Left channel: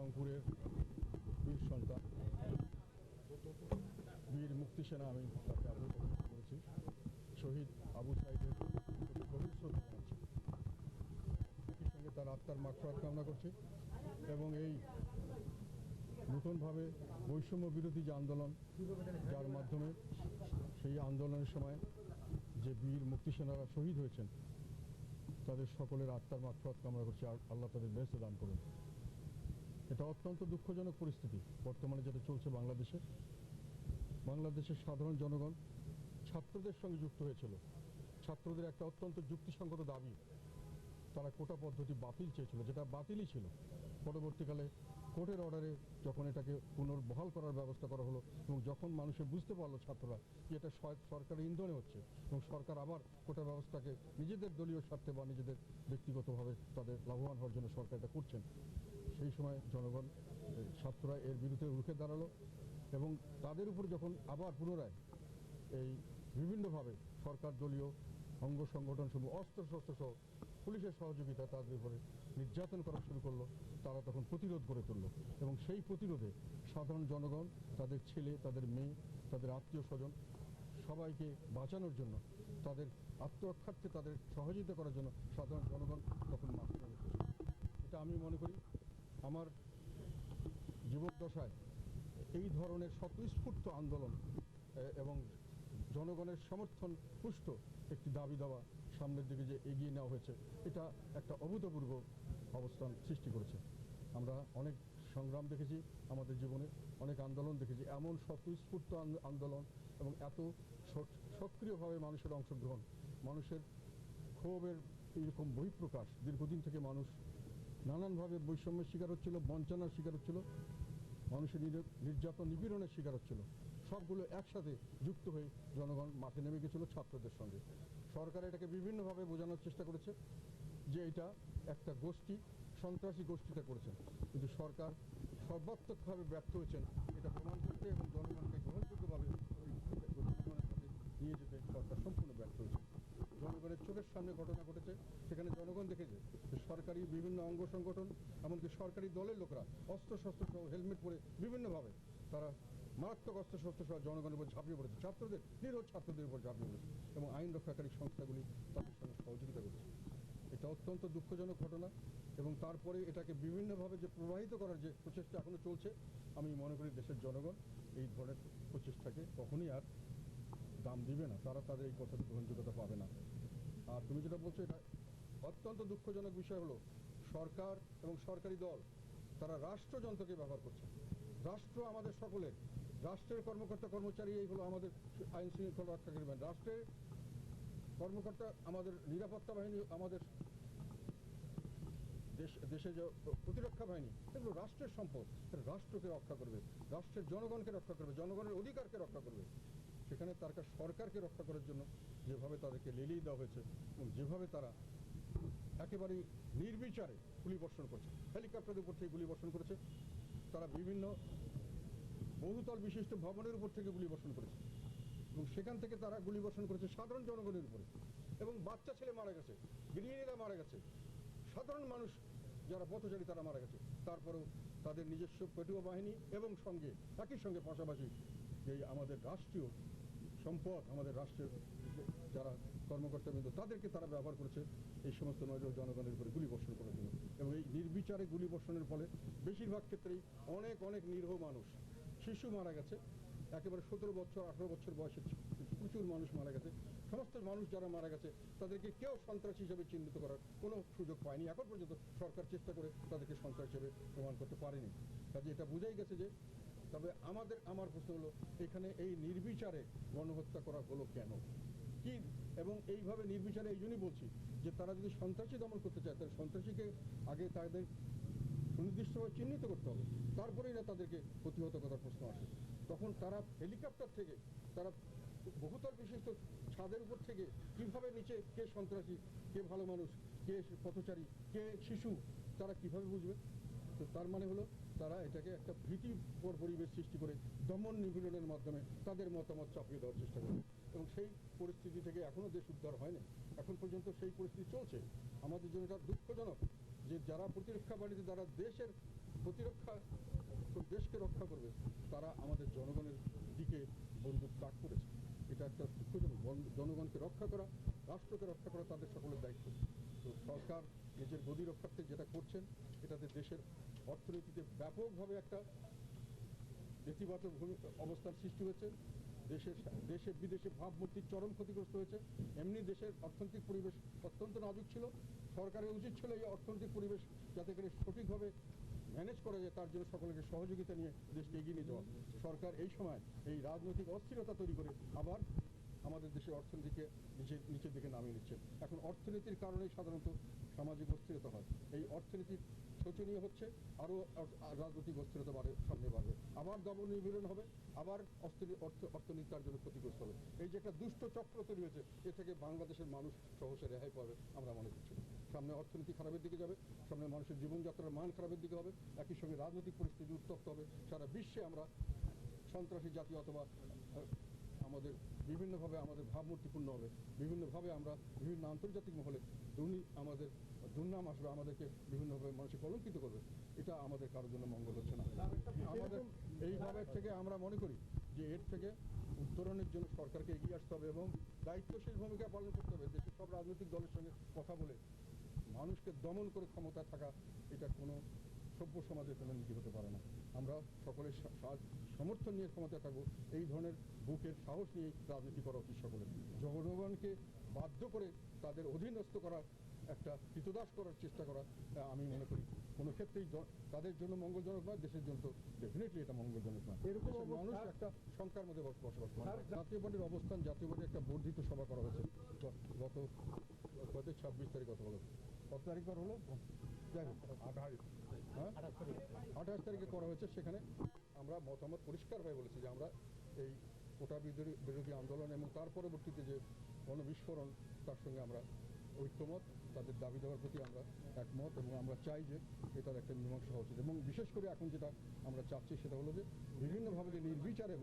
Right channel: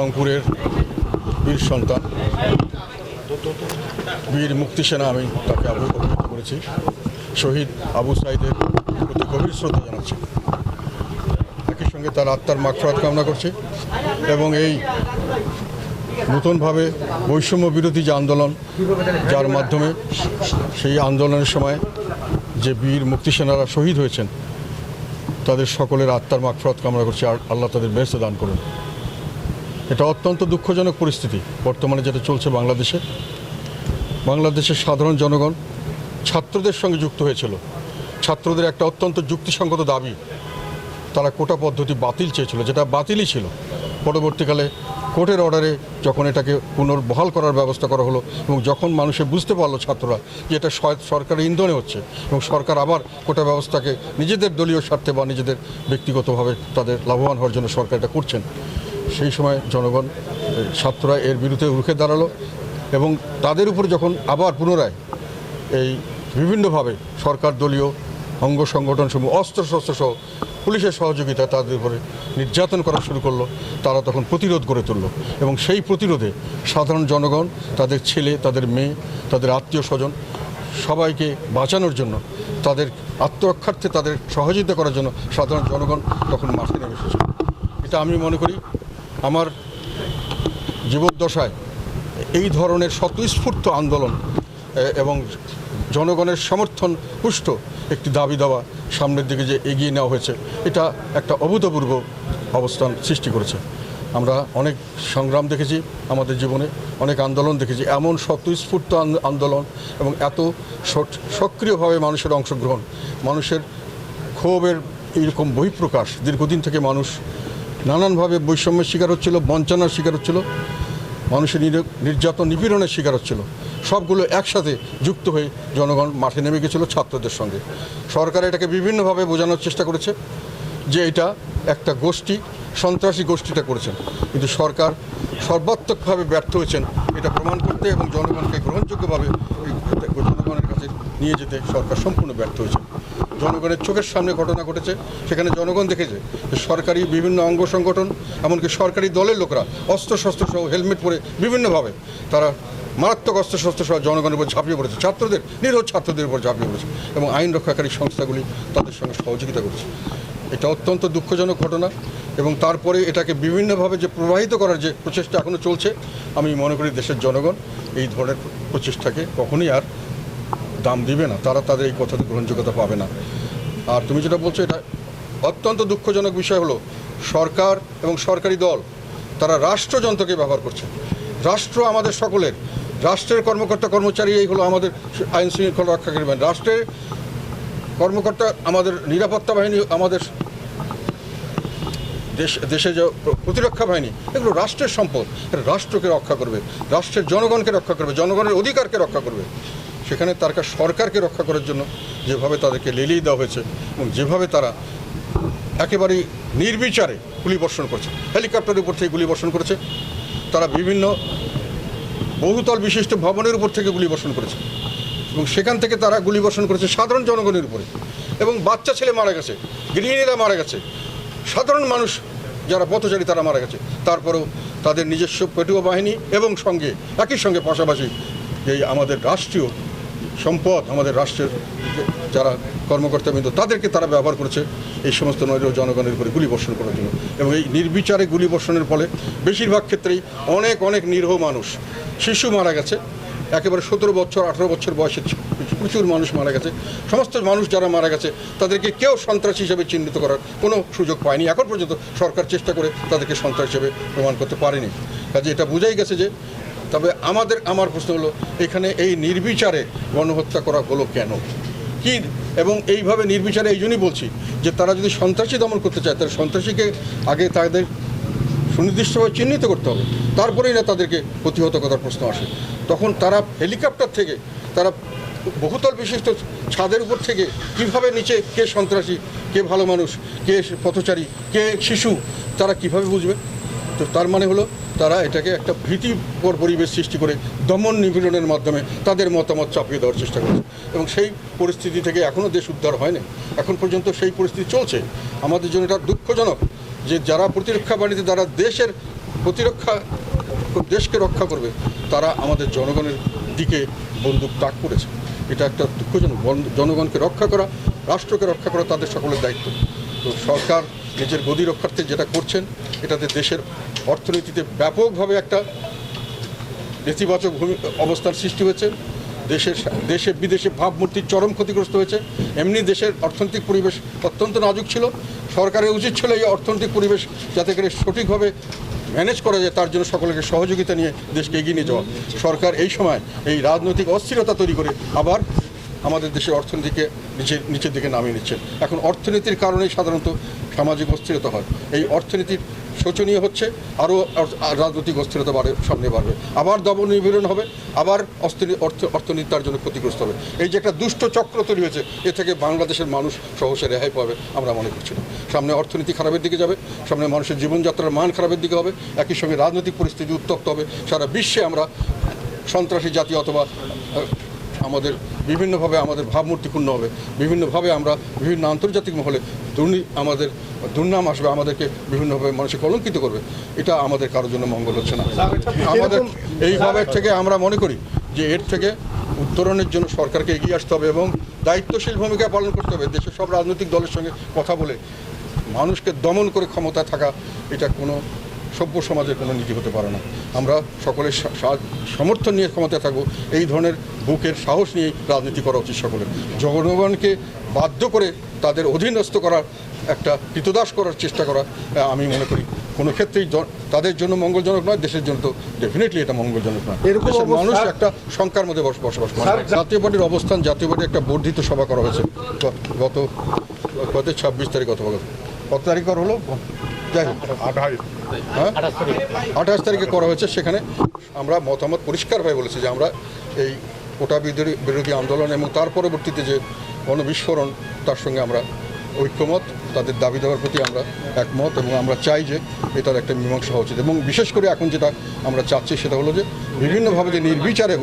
রংপুরের বীর সন্তান, বীর মুক্তি সেনা আমি তাকে অবহিত করেছি। শহীদ আবু সাইদের প্রতি গভীর শ্রদ্ধা জানাচ্ছি। একই সঙ্গে তার আত্মার মাগফরাত কামনা করছি এবং এই নতুনভাবে বৈষম্য বিরোধী যে আন্দোলন, যার মাধ্যমে সেই আন্দোলনের সময় যে বীর মুক্তি সেনারা শহীদ হয়েছেন, তাদের সকলের আত্মার মাগফরাত কামনা করছি। আর আল্লাহ তাদের ব্যস্ত দান করুন। এটা অত্যন্ত দুঃখজনক পরিস্থিতি। বর্তমানে যেটা চলছে বাংলাদেশে। বাংলাদেশের সাধারণ জনগণ ছাত্রদের সঙ্গে যুক্ত হয়েছিল। ছাত্রদের একটা অত্যন্ত যুক্তিসঙ্গত দাবি। তারা কোটা পদ্ধতি বাতিল চেয়েছিল, যেটা বাতিলই ছিল। পরবর্তীকালে কোর্টের অর্ডারে যখন এটাকে পুনর্বহাল করার ব্যবস্থা করা হলো এবং যখন মানুষে বুঝতে পারল ছাত্ররা যে এটা সরকারের ইন্ধনে হচ্ছে এবং সরকার আবার কোটা ব্যবস্থাকে নিজেদের দলীয় স্বার্থে বা নিজেদের ব্যক্তিগতভাবে তাদের লাভবান হওয়ার জন্য সরকার এটা করছেন সেই সময় জনগণ ছাত্ররা এর বিরুদ্ধে রুখে দাঁড়াল এবং তাদের উপর যখন আবার পুনরায় এই বিভিন্নভাবে সরকার দলীয় অঙ্গ সংগঠন সমূহ অস্ত্র শস্ত্র সহ পুলিশের সহযোগিতা তাদের উপরে নির্যাতন করা শুরু করল, তারা তখন প্রতিরোধ গড়ে তুললো এবং সেই প্রতিরোধে সাধারণ জনগণ, তাদের ছেলে, তাদের মেয়ে, তাদের আত্মীয় স্বজন সবাইকে বাঁচানোর জন্য, তাদের আত্মরক্ষার্থে তাদের সহযোগিতা করার জন্য সাধারণ জনগণ তখন মাঠে নেমে এসেছিল এটা আমি মনে করি আমার জীবদ্দশায় এই ধরনের স্বতঃস্ফূর্ত আন্দোলন এবং জনগণের সমর্থন পুষ্ট একটি দাবি দেওয়া সামনের দিকে যে এগিয়ে নেওয়া হয়েছে, এটা একটা অভূতপূর্ব অবস্থান সৃষ্টি করেছে। আমরা অনেক সংগ্রাম দেখেছি আমাদের জীবনে, অনেক আন্দোলন দেখেছি। এমন স্বতঃস্ফূর্ত আন্দোলন এবং এত সক্রিয়ভাবে মানুষের অংশগ্রহণ, মানুষের ক্ষোভের এইরকম বহিঃপ্রকাশ, দীর্ঘদিন থেকে মানুষ নানানভাবে বৈষম্যের শিকার হচ্ছিল, বঞ্চনার শিকার হচ্ছিল, মানুষের নির- নির্যাতন, নিপীড়নের শিকার হচ্ছিল। সবগুলো একসাথে যুক্ত হয়ে জনগণ মাঠে নেমে গেছিল ছাত্রদের সঙ্গে। সরকার এটাকে বিভিন্নভাবে বোঝানোর চেষ্টা করেছে যে এটা একটা গোষ্ঠী, সন্ত্রাসী গোষ্ঠীটা করেছেন কিন্তু সরকার সর্বাত্মকভাবে ব্যর্থ হয়েছেন এটা প্রমাণ করতে এবং জনগণকে গ্রহণযোগ্যভাবে জনগণের কাছে নিয়ে যেতে সরকার সম্পূর্ণ ব্যর্থ হয়েছে। জনগণের চোখের সামনে ঘটনা ঘটেছে, সেখানে জনগণ দেখেছে যে সরকারি বিভিন্ন অঙ্গ সংগঠন, এমনকি সরকারি দলের লোকরা অস্ত্র শস্ত্র সহ হেলমেট পরে বিভিন্নভাবে তারা মারাত্মক অস্ত্র শস্ত্র সহ জনগণের উপর ঝাঁপিয়ে পড়েছে। ছাত্রদের নিরোধ ছাত্রদের উপর ঝাঁপিয়ে পড়েছে এবং আইন রক্ষাকারী সংস্থাগুলি তাদের সঙ্গে সহযোগিতা করেছে। এটা অত্যন্ত দুঃখজনক ঘটনা এবং তারপরে এটাকে বিভিন্নভাবে যে প্রবাহিত করার যে প্রচেষ্টা এখনও চলছে, আমি মনে করি দেশের জনগণ এই ধরনের প্রচেষ্টাকে কখনোই আর দাম দিবে না, তারা তাদের এই কথাতে গ্রহণযোগ্যতা পাবে না। আর তুমি যেটা বলছো, এটা অত্যন্ত দুঃখজনক বিষয় হলো, সরকার এবং সরকারি দল, তারা রাষ্ট্রযন্ত্রকে ব্যবহার করছে। রাষ্ট্র আমাদের সকলের, রাষ্ট্রের কর্মকর্তা কর্মচারী, এই হলো আমাদের আইন শৃঙ্খলা রক্ষাকারী বাহিনী। রাষ্ট্রের কর্মকর্তা আমাদের নিরাপত্তা বাহিনী, আমাদের দেশ, দেশে যে প্রতিরক্ষা বাহিনী, এগুলো রাষ্ট্রের সম্পদ। রাষ্ট্রকে রক্ষা করবে, রাষ্ট্রের জনগণকে রক্ষা করবে, জনগণের অধিকারকে রক্ষা করবে। সেখানে তার সরকারকে রক্ষা করার জন্য যেভাবে তাদেরকে লেলিয়ে দেওয়া হয়েছে এবং যেভাবে তারা একেবারেই নির্বিচারে গুলি বর্ষণ করছে, হেলিকপ্টারের উপর থেকে গুলি বর্ষণ করেছে, তারা বিভিন্ন বহুতল বিশিষ্ট ভবনের উপর থেকে গুলি বর্ষণ করেছে এবং সেখান থেকে তারা গুলি বর্ষণ করেছে সাধারণ জনগণের উপরে। এবং বাচ্চা ছেলে মারা গেছে, গৃহিণীরা মারা গেছে, সাধারণ মানুষ যারা পথচারী তারা মারা গেছে। তারপরেও তাদের নিজস্ব পেটুয়া বাহিনী এবং সঙ্গে, একই সঙ্গে পাশাপাশি এই আমাদের রাষ্ট্রীয় সম্পদ আমাদের রাষ্ট্রের যারা কর্মকর্তাবৃন্দ তাদেরকে তারা ব্যবহার করেছে এই সমস্ত নৈর জনগণের উপরে গুলি বর্ষণ করার জন্য। এবং এই নির্বিচারে গুলি বর্ষণের ফলে বেশিরভাগ ক্ষেত্রেই অনেক অনেক নিরীহ মানুষ, শিশু মারা গেছে। একেবারে সতেরো বছর, আঠেরো বছর বয়সের প্রচুর মানুষ মারা গেছে। সমস্ত মানুষ যারা মারা গেছে, তাদেরকে কেউ সন্ত্রাসী হিসেবে চিহ্নিত করার কোনো সুযোগ পায়নি। এখন পর্যন্ত সরকার চেষ্টা করে তাদেরকে সন্ত্রাস হিসেবে প্রমাণ করতে পারেনি। কাজে এটা বোঝাই গেছে যে তবে আমাদের, আমার প্রশ্ন হলো, এখানে এই নির্বিচারে গণহত্যা করা হলো কেন? কি এবং এইভাবে নির্বিচারে, এই জন্যই বলছি যে তারা যদি সন্ত্রাসী দমন করতে চায়, তাহলে সন্ত্রাসীকে আগে তাদের সুনির্দিষ্টভাবে চিহ্নিত করতে হবে। তারপরেই না তাদেরকে প্রতিহত করার প্রশ্ন আসে। তখন তারা হেলিকপ্টার থেকে, তারা বহুতল বিশিষ্ট ছাদের উপর থেকে কীভাবে নিচে কে সন্ত্রাসী, কে ভালো মানুষ, কে পথচারী, কে শিশু, তারা কীভাবে বুঝবে? তো তার মানে হলো তারা এটাকে একটা ভীতিকর পরিবেশ সৃষ্টি করে দমন নিপীড়নের মাধ্যমে তাদের মতামত চাপিয়ে দেওয়ার চেষ্টা করছে। এবং সেই পরিস্থিতি থেকে এখনও দেশ উদ্ধার হয়নি। এখন পর্যন্ত সেই পরিস্থিতি চলছে। আমাদের জন্য এটা দুঃখজনক যে যারা প্রতিরক্ষা বাণিজ্যে যারা দেশের প্রতিরক্ষা, দেশকে রক্ষা করবে, তারা আমাদের জনগণের দিকে বন্দুক তাক করেছে। এটা একটা দুঃখজনক। জনগণকে রক্ষা করা, রাষ্ট্রকে রক্ষা করা তাদের সকলের দায়িত্ব। তো সরকার নিজের গদি রক্ষার্থে যেটা করছেন, এটাতে দেশের অর্থনীতিতে ব্যাপকভাবে একটা নেতিবাচক ভূমি, অবস্থার সৃষ্টি হয়েছে। দেশের দেশে বিদেশে ভাবমূর্তির চরম ক্ষতিগ্রস্ত হয়েছে। এমনি দেশের অর্থনৈতিক পরিবেশ অত্যন্ত নাজুক ছিল। সরকারের উচিত ছিল এই অর্থনৈতিক পরিবেশ যাতে করে সঠিকভাবে ম্যানেজ করা যায়, তার জন্য সকলকে সহযোগিতা নিয়ে দেশকে এগিয়ে নিয়ে যাওয়া। সরকার এই সময় এই রাজনৈতিক অস্থিরতা তৈরি করে আবার আমাদের দেশের অর্থনীতিকে নিচে নিচের দিকে নামিয়ে নিচ্ছে। এখন অর্থনীতির কারণেই সাধারণত সামাজিক অস্থিরতা হয়। এই অর্থনীতির শোচনীয় হচ্ছে আরও রাজনৈতিক অস্থিরতা বাড়ে, সামনে বাড়বে। আবার দমন নিপীড়ন হবে, আবার অস্থির, অর্থ অর্থনীতি তার জন্য ক্ষতিগ্রস্ত হবে। এই যে একটা দুষ্ট চক্র তৈরি হয়েছে, এ থেকে বাংলাদেশের মানুষ সহসে রেহাই পাবে, আমরা মনে করছি না। সামনে অর্থনীতি খারাপের দিকে যাবে, সামনে মানুষের জীবনযাত্রার মান খারাপের দিকে হবে, একই সঙ্গে রাজনৈতিক পরিস্থিতি উত্তপ্ত হবে। সারা বিশ্বে আমরা সন্ত্রাসী জাতি অথবা আমাদের বিভিন্নভাবে আমাদের ভাবমূর্তি ক্ষুণ্ণ হবে। বিভিন্নভাবে আমরা বিভিন্ন আন্তর্জাতিক মহলে দুর্নী আমাদের দুর্নাম আসবে আমাদেরকে বিভিন্নভাবে মানুষে কলঙ্কিত করবে। এটা আমাদের কারোর জন্য মঙ্গল হচ্ছে না। আমাদের এইভাবে থেকে আমরা মনে করি যে এর থেকে উত্তরণের জন্য সরকারকে এগিয়ে আসতে হবে এবং দায়িত্বশীল ভূমিকা পালন করতে হবে। দেশের সব রাজনৈতিক দলের সঙ্গে কথা বলে মানুষকে দমন করে ক্ষমতা থাকা এটা কোনো সভ্য সমাজের কোনো নীতি হতে পারে না। আমরা সকলের সমর্থন নিয়ে ক্ষমতায় থাকব এই ধরনের বুকের সাহস নিয়েই রাজনীতি করা উচিত সকলের। জনগণকে বাধ্য করে তাদের অধীনস্থ করার একটা কৃতদাস করার চেষ্টা করা আমি মনে করি। কোনো ক্ষেত্রেই তাদের জন্য মঙ্গলজনক নয় দেশের জন্য তো ডেফিনেটলি এটা মঙ্গলজনক নয়। এরকম মানুষ একটা শঙ্কার মধ্যে বস- বসবাস করে। জাতীয় পার্টির অবস্থান জাতীয় পার্টির একটা বর্ধিত সভা করা হয়েছে। গত গত ছাব্বিশ তারিখ অথবা গত- কত তারিখ করা হলো? হ্যাঁ? আঠাশ তারিখে করা হয়েছে, সেখানে আমরা মতামত পরিষ্কারভাবে বলেছি যে আমরা এই কোটা বিরোধী আন্দোলন এবং তার পরবর্তীতে যে গণবিস্ফোরণ তার সঙ্গে আমরা ঐক্যমত, তাদের দাবি দেওয়ার প্রতি আমরা একমত এবং আমরা চাই যে এটার একটা মীমাংসা হওয়া উচিত। এবং বিশেষ করে এখন যেটা আমরা চাচ্ছি সেটা হলো যে বিভিন্নভাবে যে নির্বিচারে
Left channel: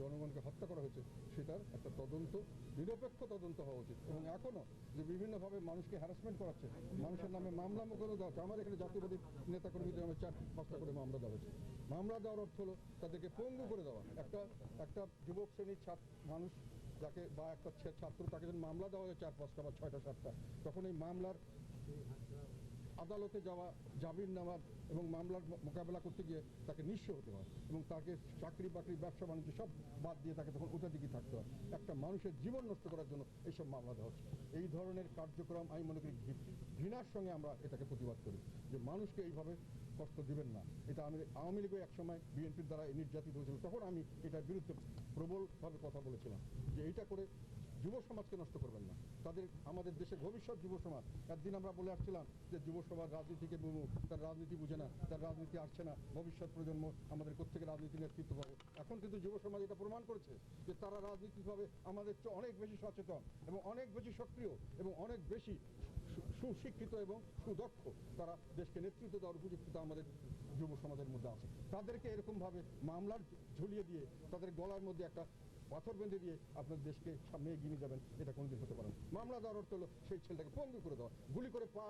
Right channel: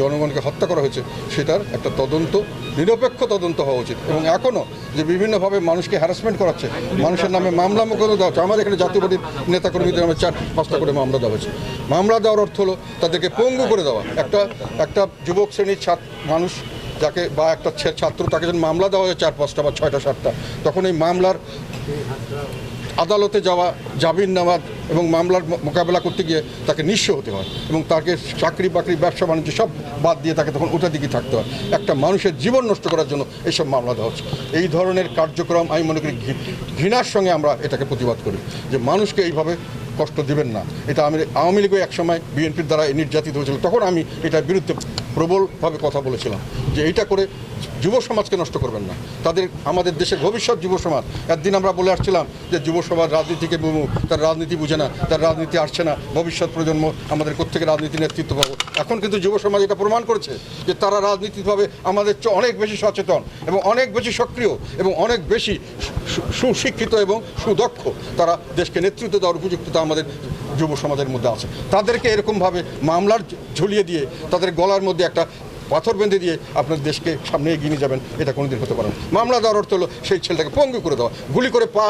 জনগণকে হত্যা করা হয়েছে, সেটার একটা তদন্ত, নিরপেক্ষ তদন্ত হওয়া উচিত। এবং এখনও যে বিভিন্নভাবে মানুষকে হ্যারাসমেন্ট করাচ্ছে, মানুষের নামে মামলা মোকদ্দমা দেওয়া হচ্ছে, আমাদের এখানে জাতীয় পার্টির নেতাকর্মীদের নামে চার পাঁচটা করে মামলা দেওয়া হয়েছে। মামলা দেওয়ার অর্থ হলো তাদেরকে পঙ্গু করে দেওয়া। একটা একটা যুবক শ্রেণির ছাত্র মানুষ যাকে বা একটা ছাত্র, তাকে যখন মামলা দেওয়া হয় চার পাঁচটা বা ছয়টা, সাতটা, তখন এই মামলার আদালতে যাওয়া, জামিন নেওয়া এবং মামলার মোকাবেলা করতে গিয়ে তাকে নিঃস্ব হতে হয় এবং তাকে চাকরি বাকরি, ব্যবসা বাণিজ্য সব বাদ দিয়ে তাকে তখন ওটা দিকে থাকতে হয়। একটা মানুষের জীবন নষ্ট করার জন্য এইসব মামলা দেওয়া হচ্ছে। এই ধরনের কার্যক্রম আমি মনে করি ঘৃণার সঙ্গে আমরা এটাকে প্রতিবাদ করি যে মানুষকে এইভাবে কষ্ট দিবেন না। এটা আমি আওয়ামী লীগও একসময় বিএনপির দ্বারা নির্যাতিত হয়েছিল। তখন আমি এটার বিরুদ্ধে প্রবলভাবে কথা বলেছিলাম যে এইটা করে যুব সমাজকে নষ্ট করবেন না। তাদের, আমাদের দেশের ভবিষ্যৎ যুব সমাজ। একদিন আমরা বলে আসছিলাম যে যুব সমাজ রাজনীতিকে বিমুখ তার রাজনীতি বুঝে না, তার রাজনীতি আসছে না, ভবিষ্যৎ প্রজন্ম, আমাদের কোথেকে রাজনীতি নেতৃত্ব পাবো। এখন কিন্তু যুব সমাজ এটা প্রমাণ করেছে যে তারা রাজনীতিভাবে আমাদের অনেক বেশি সচেতন এবং অনেক বেশি সক্রিয় এবং অনেক বেশি সুশিক্ষিত এবং সুদক্ষ। তারা দেশকে নেতৃত্ব দেওয়ার উপযুক্ততা আমাদের যুব সমাজের মধ্যে আছে। তাদেরকে এরকমভাবে মামলার ঝুলিয়ে দিয়ে তাদের গলার মধ্যে একটা পাথর বেঁধে দিয়ে আপনার দেশকে সামনে এগিয়ে নিয়ে যাবেন, এটা কোনোদিন হতে পারে না। মামলা দেওয়ার অর্থ হলো, সেই ছেলেটাকে পঙ্গু করে দেওয়া। গুলি করে পা,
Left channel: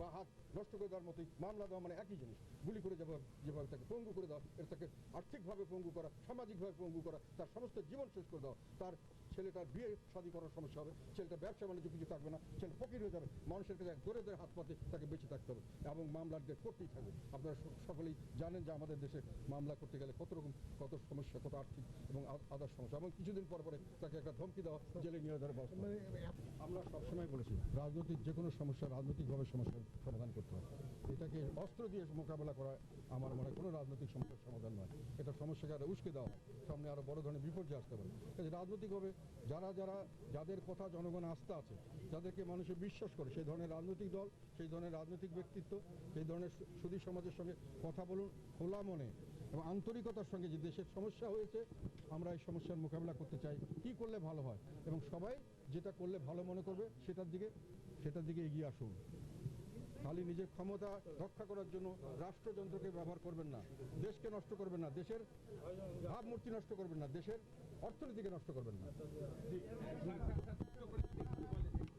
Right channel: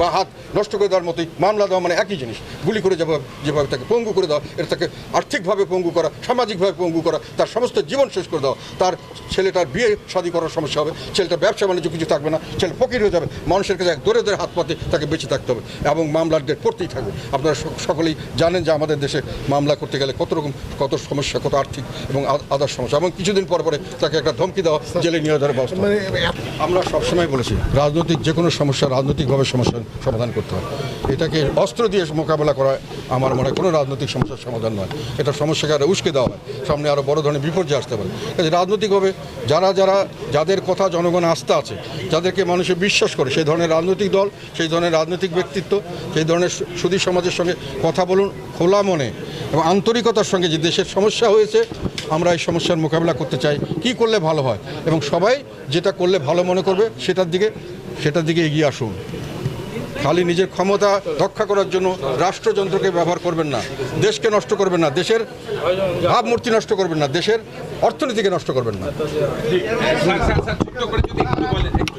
বা হাত নষ্ট করে দেওয়ার মতোই মামলা দেওয়া মানে একই জিনিস। গুলি করে যেভাবে যেভাবে তাকে পঙ্গু করে দেওয়া, এটা তাকে আর্থিকভাবে পঙ্গু করা, সামাজিকভাবে পঙ্গু করা, তার সমস্ত জীবন শেষ করে দেওয়া। তার ছেলেটার বিয়ে শাদী করার সমস্যা হবে, ছেলেটার ব্যবসা বাণিজ্য কিছু থাকবে না, ছেলে ফকির হয়ে যাবে, মানুষের কাছে এক দরে দরে হাত পাতে তাকে বেঁচে থাকতে হবে এবং মামলার ডেট পড়তেই থাকবে। আপনারা সকলেই জানেন যে আমাদের দেশে মামলা করতে গেলে কত রকম, কত সমস্যা, কত আর্থিক এবং আদার সমস্যা। এবং কিছুদিন পর পরে তাকে একটা ধমকি দেওয়া জেলে নিয়ে যাওয়ার ব্যবস্থা। মানে আমরা সবসময় বলেছি রাজনৈতিক যে কোনো সমস্যা রাজনৈতিকভাবে সমস্যার সমাধান করতে হয়। এটাকে অস্ত্র দিয়ে মোকাবেলা করা আমার মনে হয় কোনো রাজনৈতিক সমস্যার সমাধান নয়। এটা সমস্যাকে আরও উস্কে দেওয়া হয় সামনে আরও বড় ধরনের বিপর্যয় আসতে পারে। কাজে রাজনৈতিকভাবে যারা যারা যাদের কথা জনগণ আস্থা আছে যাদেরকে মানুষে বিশ্বাস করে সেই ধরনের রাজনৈতিক দল সেই ধরনের রাজনৈতিক ব্যক্তিত্ব সেই ধরনের সু- সুধী সমাজের সঙ্গে কথা বলুন খোলা মনে এবং আন্তরিকতার সঙ্গে যে দেশের সমস্যা হয়েছে আমরা এই সমস্যার মোকাবিলা করতে চাই কি করলে ভালো হয়? এবং সবাই যেটা করলে ভালো মনে করবে, সেটার দিকে সেটার দিকে এগিয়ে আসুন। খালি নিজের ক্ষমতা রক্ষা করার জন্য রাষ্ট্রযন্ত্রকে ব্যবহার করবেন না। দেশকে নষ্ট করবেন না। দেশের ভাবমূর্তি নষ্ট করবেন না। দেশের অর্থনীতিকে নষ্ট করবেন না।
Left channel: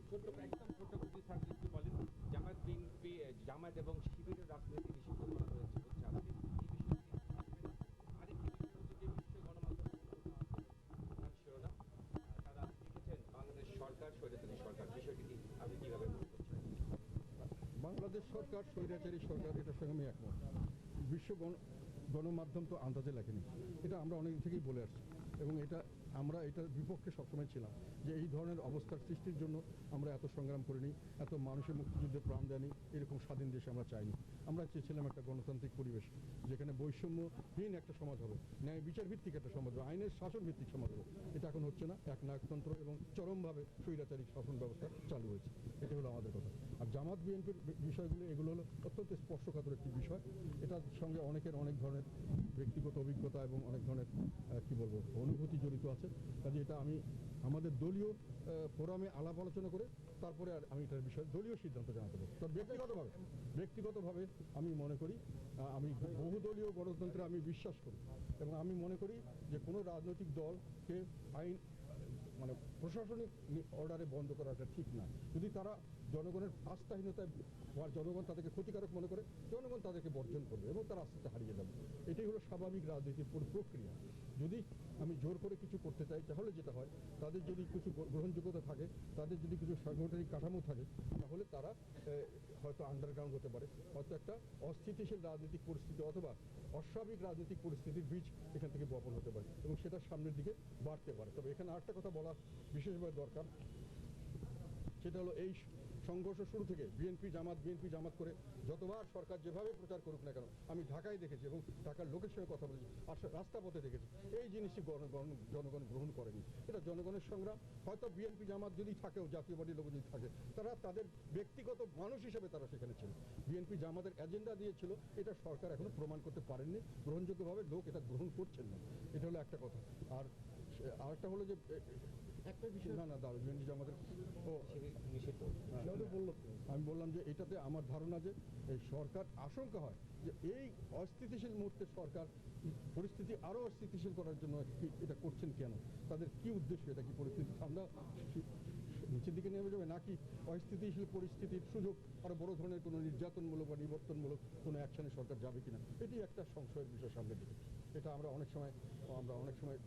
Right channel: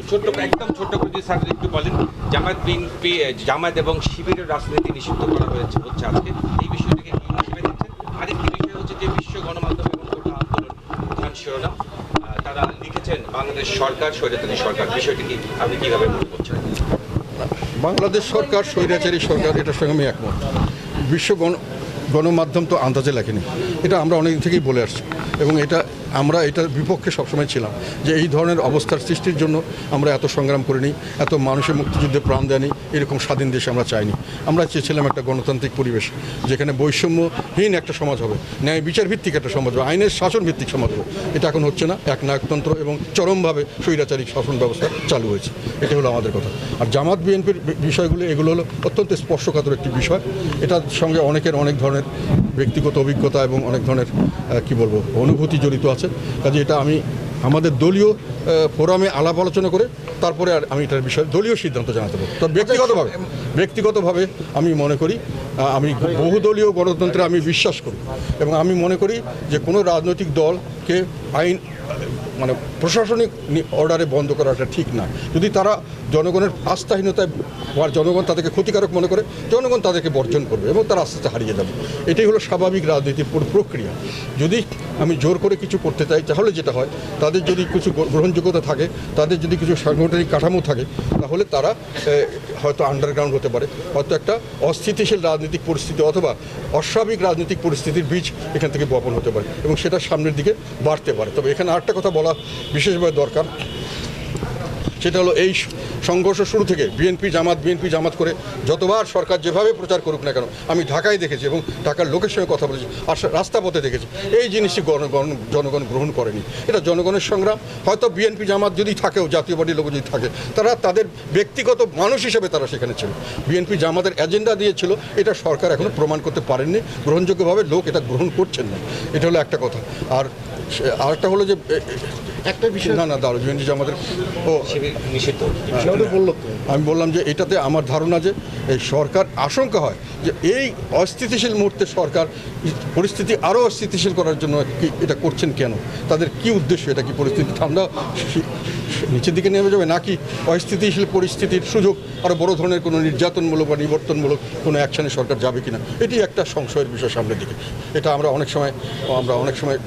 ছোট্ট একদম ছোট্ট করে যদি স্যার একটু বলেন, জামায়াত বিএনপি, জামায়াত এবং শিবিরের রাজনীতি নিষিদ্ধ করা হয়েছে, হচ্ছে আজকে। এই বিষয়টাকে হিসেবে দেখছেন? আরেকটি বিষয় হচ্ছে যে বিশ্ব গণমাধ্যম এবং কোটা আন্দোলন প্রধান শিরোনাম। তারা লিখেছেন, বাংলাদেশ সরকার, স্বৈরাচারী সরকার। বিষয়টি কি? আপনি কীভাবে মনে করছেন? বাংলাদেশ সরকার, স্বৈরাচারী সরকার, এটার সঙ্গে আমি একমত। বিশ্ব গণ গণমাধ্যম তো আন্দাজে লেখেনি। এটা আমরা অনেক থেকেই বলে আসছি। এবং এটা আমরা এটার বিপক্ষে সবসময় ছিলাম যে এই ধরনের অবস্থার সৃষ্টির জন্য আমরা এত সংগ্রাম করিনি, এত মানুষের মুক্তিযুদ্ধে প্রাণ দেয়নি, এরকম স্বাধীন দেশে আমরা চাইনি। আমরা চেয়েছিলাম একটা গণতান্ত্রিক পরিবেশ যেখানে বৈষম্যহীন একটা সমাজ হবে, ন্যায় বিচার ভিত্তিক একটা সমাজ হবে, আইনের শাসন ভিত্তিক সমাজ হবে। এটা এখন হচ্ছে না, এক নায়কতন্ত্র এবং চরমভাবে স্বৈরাচারী শাসন ব্যবস্থা চালু হয়েছে। এটা হলো আমাদের কথা। আর জামাত বিএনপির বিষয়গুলো, এগুলো হলো অত্যন্ত স্পর্শকাতর একটি বিষয়। এটার সঙ্গে অনেকের অনেক ধরনের ব্যক্তিগত অভিজ্ঞতা এবং অনেক ধরনের কি বলব, অনুভূতি জড়িত আছে। কাজে এটা আমি আমাদের দলীয় ফোরামে আলাপ আলোচনা করে তারপরে আর আমি এটার বিষয়ে দলীয় সিদ্ধান্ত জানাতে পারব। তবে ব্যক্তিগতভাবে ব্যক্তিগতভাবে আমি মনে করি আমি বহুদলীয় গণতন্ত্রে আমি বিশ্বাস করি এবং আমি মনে করি যে কোনো রাজনৈতিক দলকে আইন মানে প্রশাসনিক অর্ডারে বন্ধ করাটা ঠিক না। যদি তারা জনগণের আস্থাহীনতায় বা জনগণ তাদেরকে ক্ষতিকারক মনে করে, জনগণ তাদেরকে বর্জন করবে এবং তারা আস্তে আস্তে হারিয়ে যাবে। এটাই হলো স্বাভাবিক রাজনীতির প্রক্রিয়া। যদি আমি জোর করে কিছু করতে চাই, তাহলে যেটা হয়, তাদের যদি কিছু গ্রহণযোগ্যতা থাকে, তাদের যদি কিছু সাংগঠনিক কাঠামো থাকে, তাহলে তারা হয়তো আন্ডারগ্রাউন্ড হতে পারে। হয়তো একটা অস্থিতিশীল রাজনৈতিক পরিস্থিতি অথবা অস্বাভাবিক রাজনৈতিক পরিস্থিতির বীজ এখান থেকে বপন হতে পারে এবং সেটা সামনের দিকে বাড়তে পারে। তবে এখানে আরেকটা কথা বলা বিশেষভাবে দরকার। সেটা হলো এই সংঘর্ষ শুরু থেকে বিএনপি জামাত বিএনপি জামাত করে যতবার সরকার যেভাবে প্রচার করুক না কেন আমি ঢাকায় দেখেছি এবং ঢাকার লোকের সঙ্গে কথা বলেছি আর রাস্তা পথে দেখেছি। এই জিনিসটি গণ- গণ- জনগণ গ্রহণ করেনি। এটা জনগণের সংগ্রাম। হয়তো বিএনপি জামাত যদি থাকেও জাতীয় পার্টির লোক যদি থাকে তারা তাদের ব্যক্তিগত মানুষ হিসেবে তারা সেখানে ছিল। বিএনপি জামাতের এজেন্ডা দিয়েছিল এটা সরকার এখনও প্রমাণ করতে পারেননি। গ্রহণযোগ্যভাবে লোক এটা গ্রহণ করছেন না। এটা হলো একটা কথা। আর আরেকটা হলো যে একটা বিষয় না না দাঁড়ো বিএনপি জামাতের ও নিষিদ্ধ। আমি বললাম যে এটাতে আমার ধারণা যে এই সরকার আশঙ্কা হয় যে এই অস্থিতিশীল মুহূর্তে সরকার পরিস্থিতি আরও অস্থিতিশীল করার জন্য কি এটা করছেন কেন? তাদের কি উদ্দেশ্য? এটা কি পরিস্থিতি ঠান্ডা? নিচের দিকে নেমে যাবে নাকি অস্থিতিশীল পরিস্থিতির সুযোগ আরও বড় ধরনের কোনো নির্যাতনমূলক বা নিবর্তনমূলক কোনো অ্যাকশনে সরকার যাবে কিনা? এটি একটা সংশয়ের বিষয় সামনের দিকে। এটা আমরা অনেক সময় আমরা অনেক সময়।